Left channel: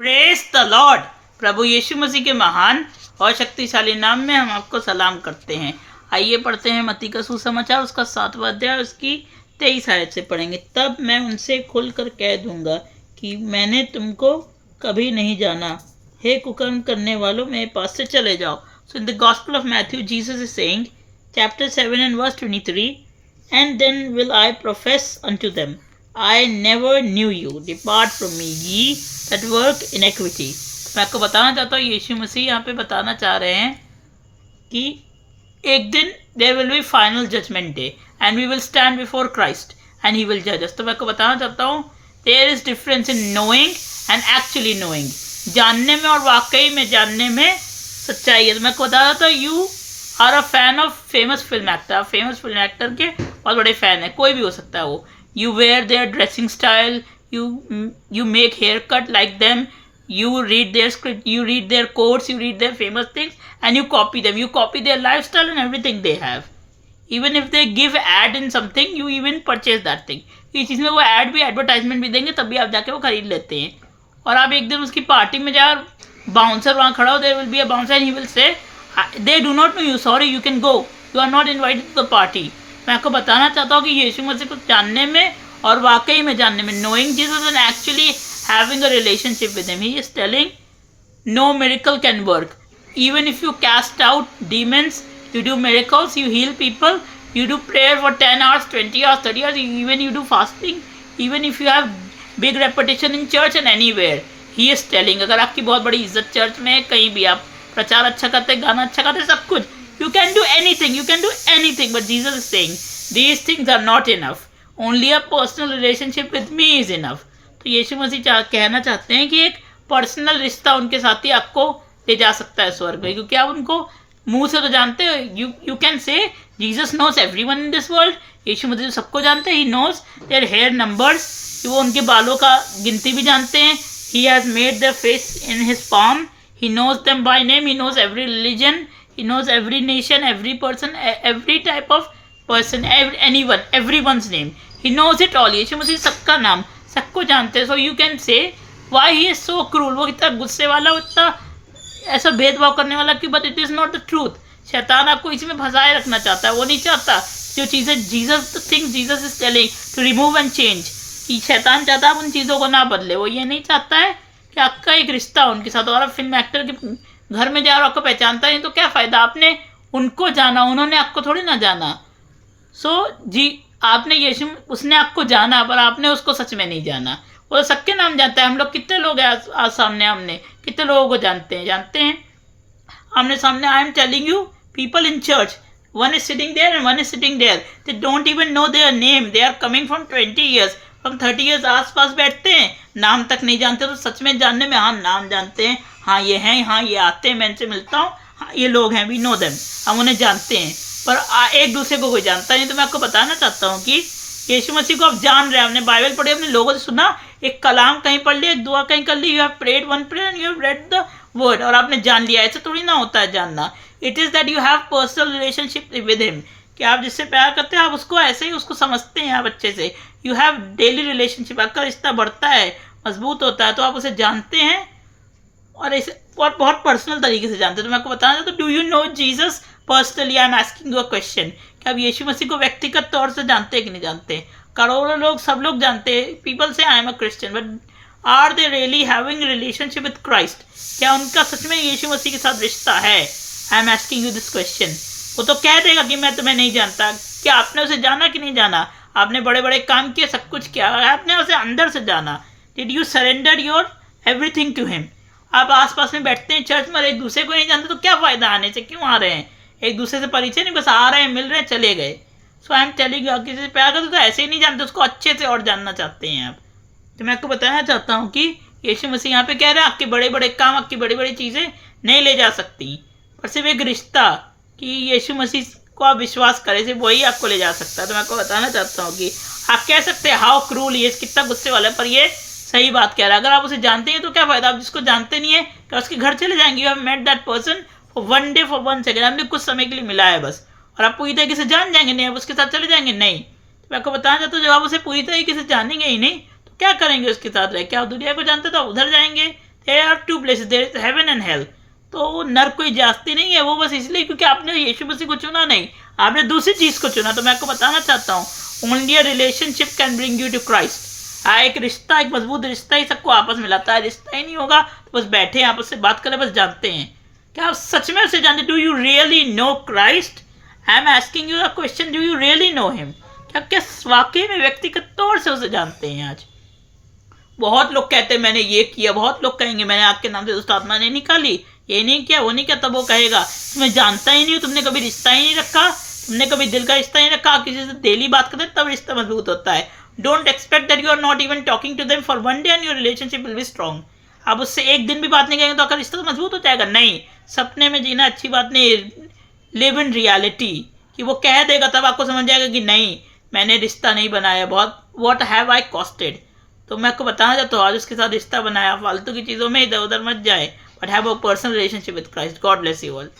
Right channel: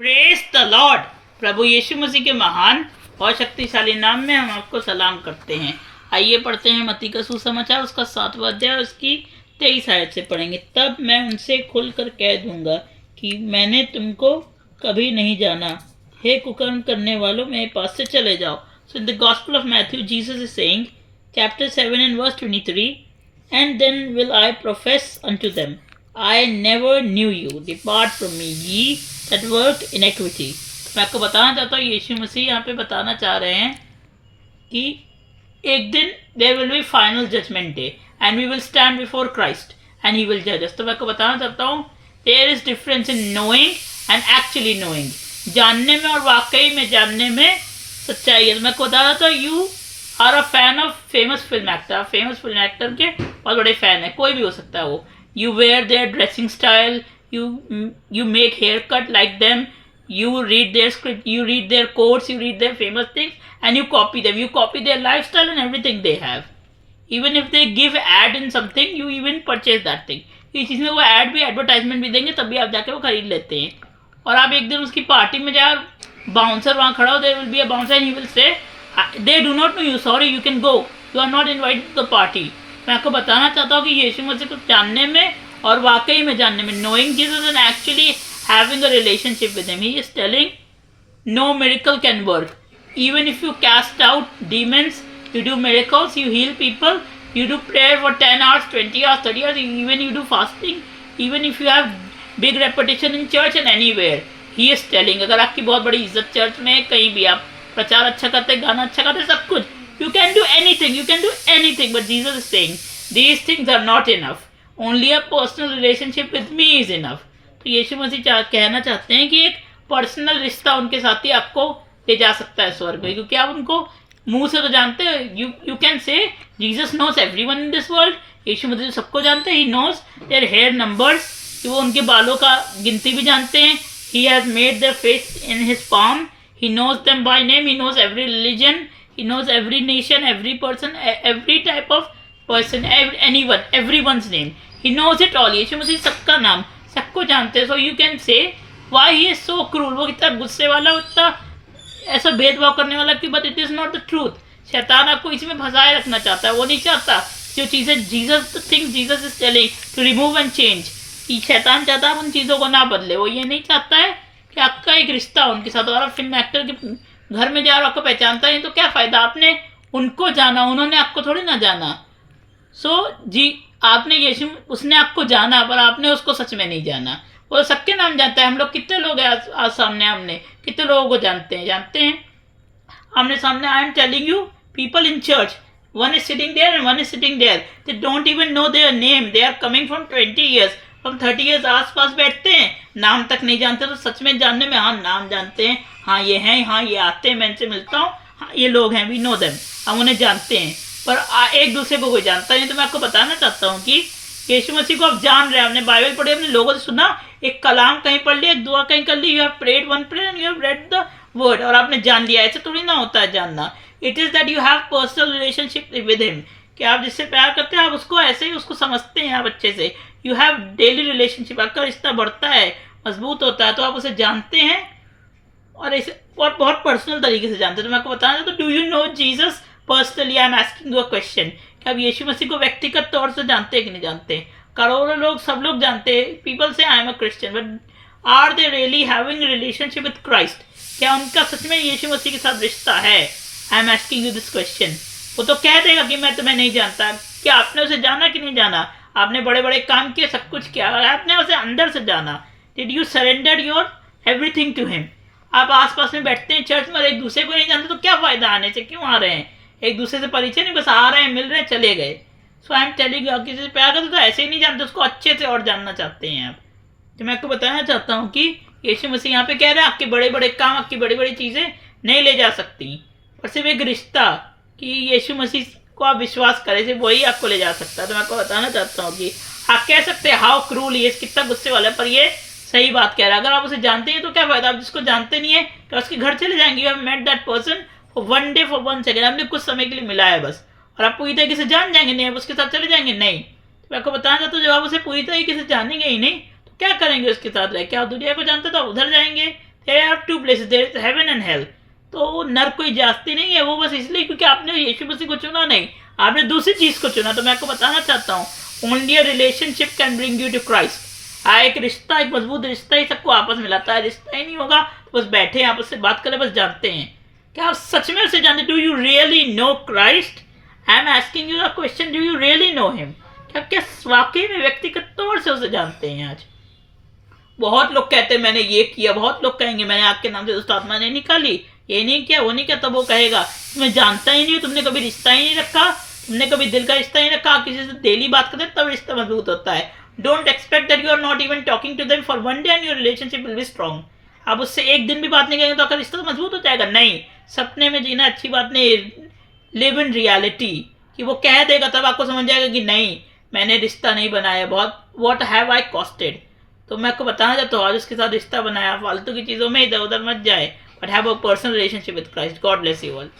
Praise the lord. प्रभु यीशु मसीह के महान और शक्तिशाली नाम में हम आपको सलाम करते हैं। आइए पढ़ते हैं मत्ती का सुसमाचार, उसका 7वां अध्याय, उसकी 23 आयत से पढ़ेंगे। तब मैं उनसे खुलकर कह दूंगा कि मैंने तुमको कभी नहीं जाना। हे कुकर्म करने वालों, मेरे पास से चले जाओ। So in the gospel of Matthew, Jesus is saying, chapter 7 and verse 23, and then will I profess unto them, I never knew you, depart from me, ye that work iniquity। मैं आपको बताना चाहता हूँ, यीशु मसीह यहाँ पे बताना चाह रहे हैं कि एक दिन there will be final judgment day and we will stand before Christ and he will जज अस। तो मैं आपको बताना चाहता हूँ, there is difference in knowing and actually knowing. जानने में और वाकई में जानने में सच्चाई है। तो मैं आपको बता रहा था, you are a fan of famous film actor. Famous film actor के बहुत बड़े फैन है, कोई भी हो सकता है वो। You wear their dressing style, you make haircut like them, you read their script, you read their quotes, you read their famous things and you copy them, you copy their lifestyle and everything they have. Even if they give ad in something, you even purchase that thing। इस चीज़ में वो ad भी, advertisement भी देंगे, तभी आप जाके वो खरीद लेते हैं। और आप एक दिन उसकी पार्टी में जाए, बाउंसर वहाँ खड़ा हो, there will be a bouncer and he will say they do not know you, sorry you can go, you are not invited to the party. मैं आपको बताना चाहता हूँ कि यीशु मसीह को जानने में और वाकई में जानने में, knowing Jesus and actually having a relationship with him, he is telling no miracle can work। even if you cast out demons, you do miracles, you heal people, you do prayer for 10 hours, 20 hours, 30 hours, even you do fasting, even if you have big reputation in church and anywhere, he is telling, अगर आपकी बहुत बड़ी इज्जत church में है, कहीं भी आप प्रचार अच्छा करते, गाना अच्छा करते, सब कुछ, you can do anything, you can do anything, but Jesus is saying these things are not enough, only a personal relationship with me is enough। तो यीशु मसीह कहना चाहते हैं कि एक पर्सनल रिश्ता उनके साथ ही आपको ले जा सकता है स्वर्ग में, क्योंकि आप उनको मुंह से तो जानते हो। You can say Jesus knows everyone in this world. Yeshu Masih सबको जानते हैं। He knows their hair numbers, वो उनके बालों का गिनती भी जानते हैं। He has made their face in his palm, he knows them by name, he knows every religion, he knows every nation, every person, every type of person, anyone, everyone's name, he knows it all। Yeshu Masih सबका नाम, सबको जानते हैं। So you can से why he is so cruel, वो इतना गुस्से वाला, इतना ऐसा भेदभाव करने वाला क्यों? But it is not the truth. शैतान आपको इसमें फंसाए रखना चाहता है, वो नहीं चाहता जो चीज़ें Jesus, the things Jesus is telling to remove and change. शैतान चाहता है आप उन चीज़ों को ना बदले। वो ये नहीं चाहता है कि आपका एक रिश्ता हो उनके साथ। और आप फिल्म एक्टर के घर में जा रहे हो, आपको पहचानता नहीं तो क्या फ़ायदा? आपने उनको जाना, उन्होंने आपको थोड़ी ना जाना। जी आपने यीशु, उसने आपको जाना पर आपने उसको सच में नहीं जाना। वो सबके नाम जानता है। हम लोग कितने लोग हैं आज सामने, हमने कितने लोगों को जानते हैं आमने सामने। I am telling you, people in church, one is sitting there and one is sitting there, they don't even know their name, they are coming from 20 years, from 30 years आस पास बैठते हैं, नाम तक नहीं जानते। तो सच में जानने में, हाँ नाम जानते हैं, हाँ ये हैं, हाँ ये आते हैं, मैं इनसे मिलता हूँ, हाँ ये लोग हैं, वी नो देम, हम उन्हें जानते हैं, पर एक दूसरे को कोई जानता नहीं। तो मैं आपको बताना चाहता हूँ कि यीशु मसीह को आप जान रहे हैं, आपने बाइबल पढ़ी, अपने लोगों से सुना, एक कलाम कहीं पढ़ लिया, एक दुआ कहीं कर ली, you have prayed one prayer and you have read the word, और आपने जान लिया। ऐसे थोड़ी ना होता है जानना। It is that you have personal relationship with him, कि आप जिससे प्यार करते हैं आप उसको ऐसे ही उसको समझते हैं आप अच्छे से। यू हैव डेली रिलेशनशिप, आपका रिश्ता बढ़ता है, मजबूत होता है, तो आप उसे जानते हैं और ऐसे बहुत पर्सनल तरीके से जानते हैं। तो मैं आपको बताना चाहता हूँ, do you know Jesus personally? I am asking you a question, कि आप यीशु मसीह को व्यक्तिगत तौर से जानते हैं कि नहीं जानते? करोड़ों लोग, सब लोग जानते हैं, people say I am a Christian, but are they really having relationship with Christ? क्या उनका सच में यीशु मसीह के साथ रिश्ता है? आई am asking you this question. वो तो कह देगा कि मैं तुम्हें नहीं जानता। क्या आपने उसे जाना कि नहीं जाना? आपने बड़े बड़े काम किए, सब कुछ किया, आपने उसे अंदर से जाना। Did you surrender your everything to him? आप आसपास में बैठते हैं चर्च में, एक दूसरे को नहीं जानते, तो क्या फ़ायदा आने से? क्यों आ रहे हैं? एक दूसरे से परिचय नहीं, बस आ रहे हैं, मिल रहे हैं, चले गए। सो आई एम टेलिंग यू, किसी से प्यार करते तो ऐसे ही नहीं जानते, उसको अच्छे से और जानना चाहते हैं आप। तो मैं आपको बताना चाहता हूँ कि यीशु मसीह यहाँ पे कह रहे हैं, आपके बड़े बड़े काम, आपकी बड़ी बड़ी चीज़ें नहीं ले जा सकती, पर सिर्फ एक रिश्ता, कि यीशु मसीह को आप विश्वास करें, सिर्फ वही आपको ले जा सकता है। तो मैं आपको बताना चाहता हूँ कि आप कह सकते हैं हाउ क्रूल, ये कितना गुस्से वाला है, पर ये सही बात कह रहा है। अगर आप उसे जानते हैं तो क्या फ़ायदा? आप जिसको जानते नहीं है तो उसके घर चले जाएंगे। You have met that person for one day, for 1 second, आपने कुछ समय के लिए मिला है बस, और आप पूरी तरीके से जान जाएंगे नहीं, आप उसके साथ चले जाएंगे नहीं। तो मैं आपको बताना चाहता हूँ, जब आप उसे पूरी तरीके से जानेंगे ही नहीं तो क्या करेंगे उसके साथ रह के? आप दुनिया को जानते तो उधर जाएंगे, there are two places, there is heaven and hell. तो वो नर्क कोई जास्ती नहीं है, वो बस इसलिए क्योंकि आपने यीशु मसीह को चुना नहीं, आपने दूसरी चीज को चुना। तो मैं आपको बताना चाहता हूँ, only a relationship can bring you to Christ. एक रिश्ता, एक मजबूत रिश्ता ही सबको आपस में लाता है। रिश्ता ही नहीं होगा तो बस बैठे आपस से बात करें, बस जानते हैं। क्या आप सच में से जानते? Do you really know Christ? I am asking you a question, do you really know him? क्या वाकई में व्यक्तिगत तौर से उसे जानते हैं? आज बहुत लोग कहते हैं मैंने ये किया, बहुत लोग कहेंगे मैंने आपके नाम से दुष्ट आत्मा नहीं निकाली, ये नहीं किया, वो नहीं किया। तब वो कहेगा तुम्हें जानता ही नहीं हो, तुमने कभी रिश्ता ही नहीं रखा, तुमने कभी दिल का रिश्ता ही नहीं रखा। किसी से डेली बात करते तब रिश्ता मजबूत होता है। Don't expect that you are not even talking to them for one day and your relationship will be strong. आप उससे एक दिन भी बात नहीं करेंगे तो आपका रिश्ता तो मजबूत हो जाएगा? नहीं। सपने में जीना अच्छी बात नहीं, लिव इन रियलिटी। कि वो कह देगा तब आपको समझ जाएगा कि नहीं, मैंने रिश्ता नहीं बनाया, बहुत व्हाट हैव आई कॉस्टेड। तो मैं आपको बताना चाहता हूँ, आज उसके साथ रिश्ता बनाया, फालतू की चीज़ों में इधर उधर मत जाए, but have a personal relationship with Christ. God bless you all.